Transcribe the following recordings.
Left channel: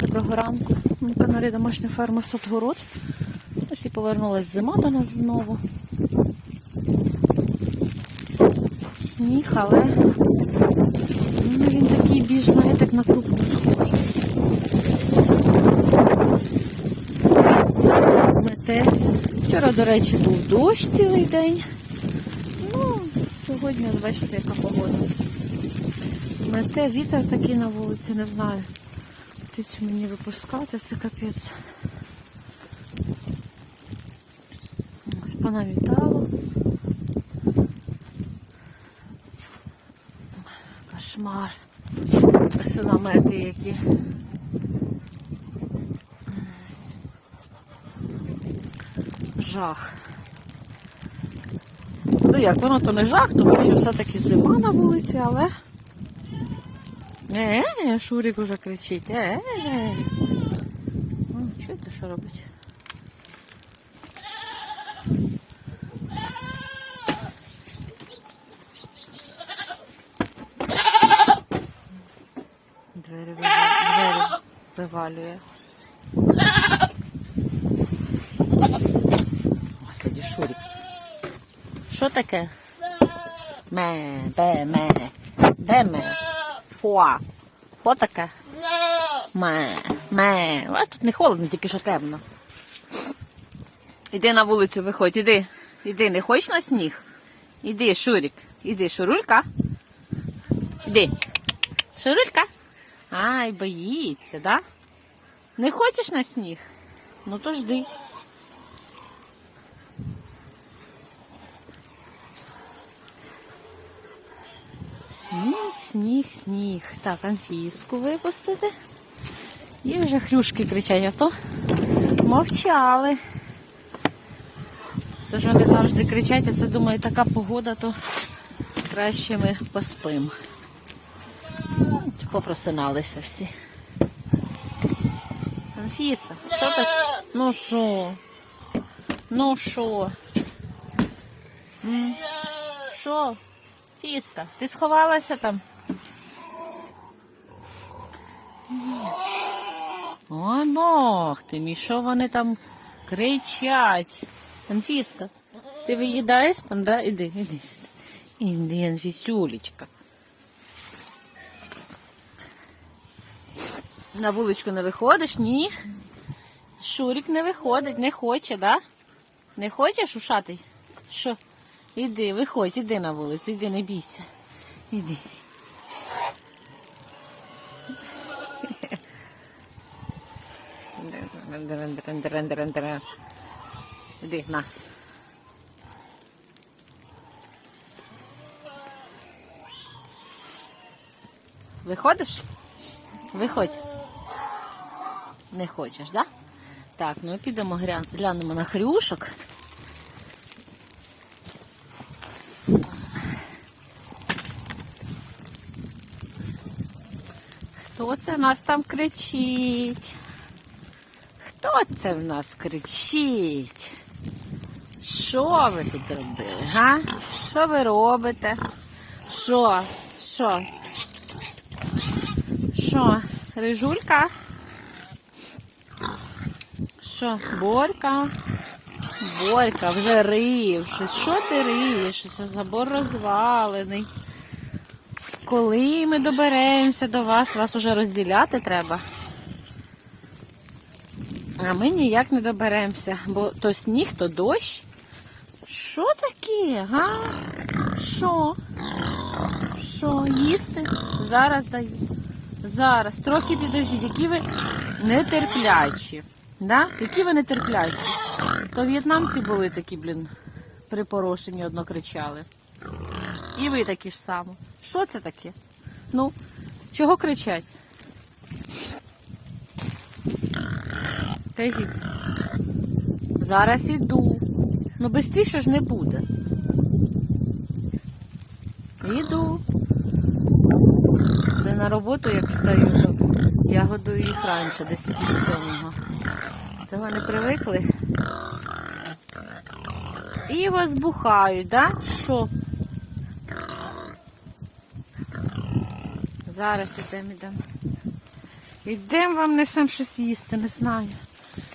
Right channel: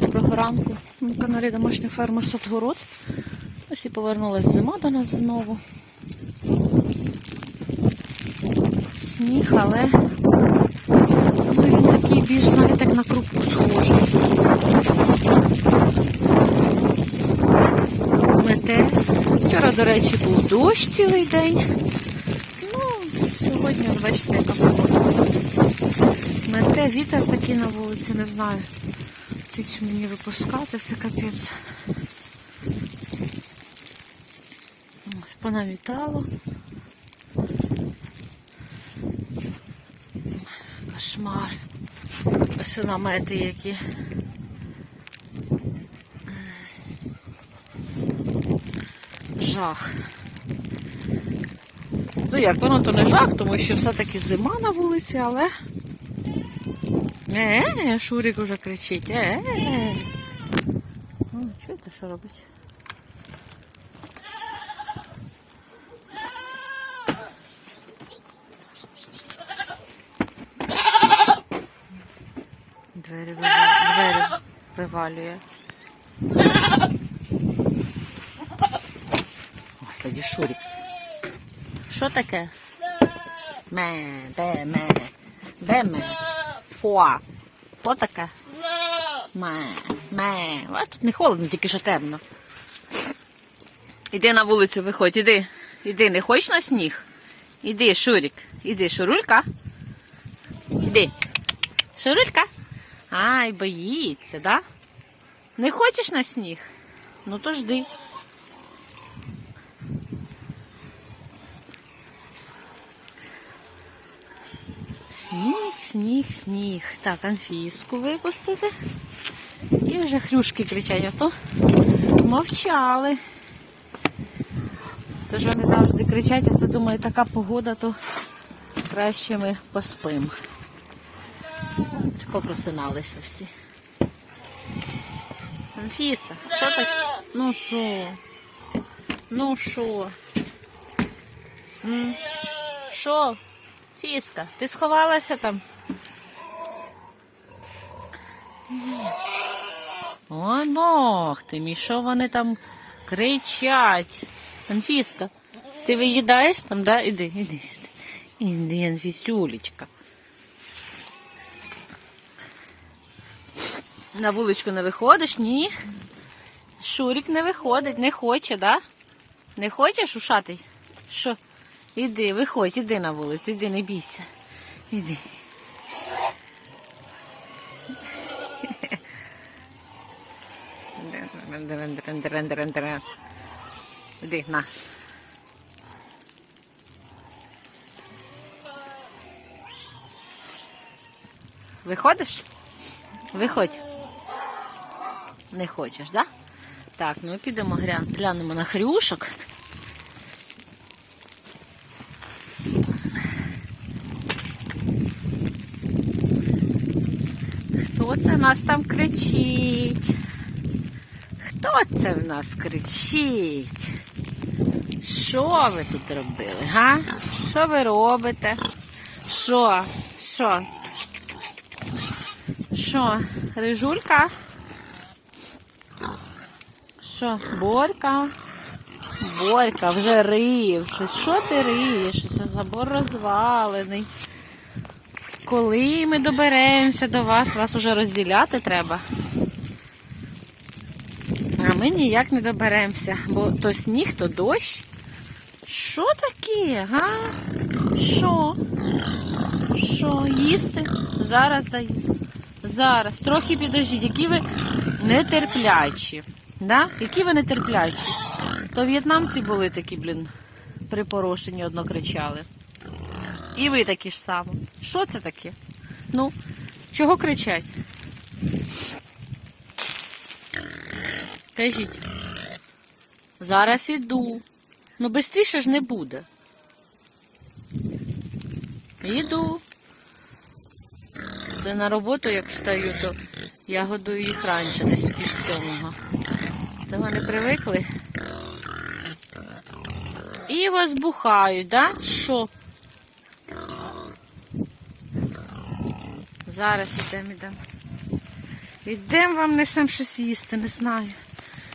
Доброго ранку. На каналі Домашня ферма Садгород. Ось і повернулась зима до нас знову. Сніг, але ну, він такий більш, знаєте, як на крупку схожий. Мете. Вчора, до речі, був дощ цілий день. Ну, сьогодні, бачите, яка погода. Мете, вітер такий на вулиці, не знаю. Птицю мені випускати, це капець. Понавітало. Кошмар. Ось намети які. Жах. Ну як, воно то не жах, тому що все-таки зима на вулиці, але... Е, Шурик уже кричить. Е. Ну, чуєте, що робить? Двері вивалює. Господи, Шурик. Що таке? Ме, де ме, де ме? Фуа. Що таке? Ме, ме. У вас тут не холодно, тільки що темно. Іди на вулицю, виходь, іди. Іди, не хочеш на сніг? Іди, Шурик. Іди, Шурулька. Іди. Шурулька. Ай, боїться, да? Не хочеш на сніг? Ну то жди. Сніг, сніг. Так, анфіску випустити. І вже хрюшки кричать, а то мовчали. Тож вони завжди кричать, а це думаю, така погода, то краще ми поспимо. Попросиналися всі. Анфіса, що так? Ну що? Ну що? Що? Фіска, ти сховалася там? Ой, Бог ти мій, що вони там кричать? Анфіска, ти виїдаєш там, да? Іди, іди сюди. Іди, Анфісюлечка. На вуличку не виходиш? Ні. Шурик не виходить, не хоче, да? Не хочеш ушатий? Що? Іди, виходь, іди на вулицю, іди, не бійся. Іди. Іди, на. Виходиш? Виходь. Не хочеш, да? Так, ну підемо гля- глянемо на хрюшок. Хто це нас там кричить? Хто це в нас кричить? Що ви тут робили, га? Що ви робите? Що? Що? Що? Рижулька? Що? Борька? Борька вже рив. Що ти риєш? Забор розвалений. Коли ми доберемося до вас, вас уже розділяти треба. А ми ніяк не доберемося, бо то сніг, то дощ. Що таке, га? Що? Що, їсти? Зараз даю. Зараз. Трохи підождіть, які ви нетерплячі. Да? Які ви нетерплячі? То в'єтнамці були такі, блін, припорошені, одно кричали. І ви такі ж само. Що це таке? Ну, чого кричать? Кажіть. Зараз іду. Ну, швидше ж не буде. Іду. Це на роботу, як встаю, то я годую їх раніше, десь пів сьомого. Це вони привикли. І возбухають, да? Що? Зараз ідемо, ідемо. Йдемо вам несем щось їсти, не знаю.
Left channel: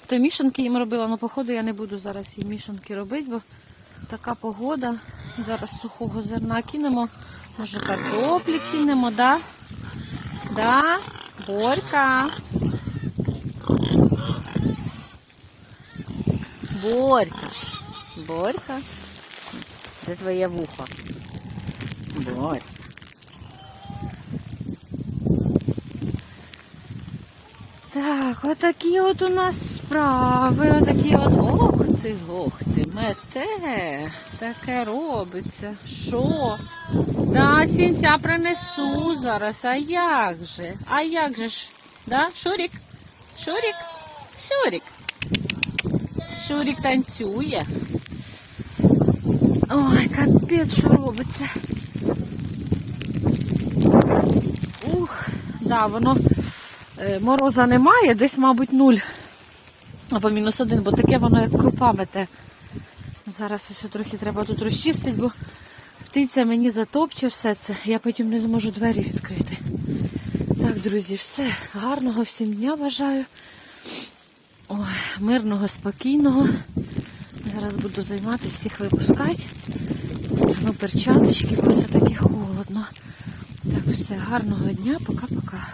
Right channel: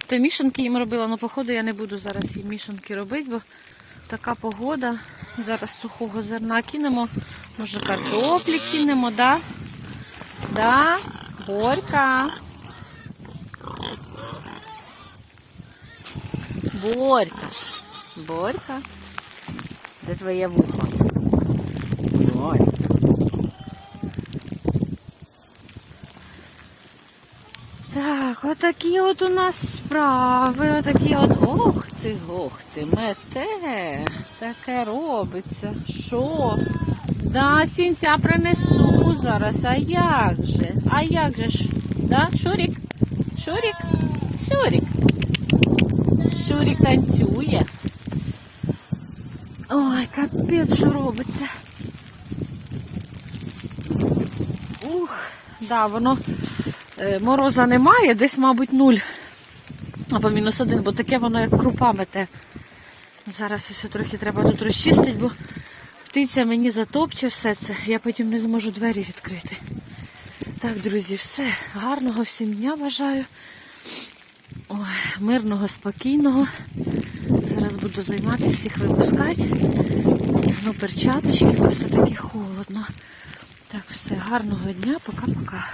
То мішанки їм робила, але походу я не буду зараз їм мішанки робити, бо така погода. Зараз сухого зерна кинемо. Може картоплі кинемо, да? Да? Борька. Борька. Борька. Де твоє вухо? Борька. Так, отакі от у нас справи, отакі от. Ох ти, ох ти, мете. Таке робиться. Що? Да, сінця принесу зараз. А як же? А як же ж? Да, Шурік? Шурік? Шурік. Шурік танцює. Ой, капець, що робиться. Ух, да, воно е, мороза немає, десь, мабуть, нуль. Або мінус один, бо таке воно як крупа мете. Зараз ось трохи треба тут розчистити, бо птиця мені затопче все це. Я потім не зможу двері відкрити. Так, друзі, все. Гарного всім дня бажаю. Ой, мирного, спокійного. Зараз буду займатися, всіх випускати. Ну, перчаточки, бо все таки холодно. Так, все, гарного дня, пока-пока.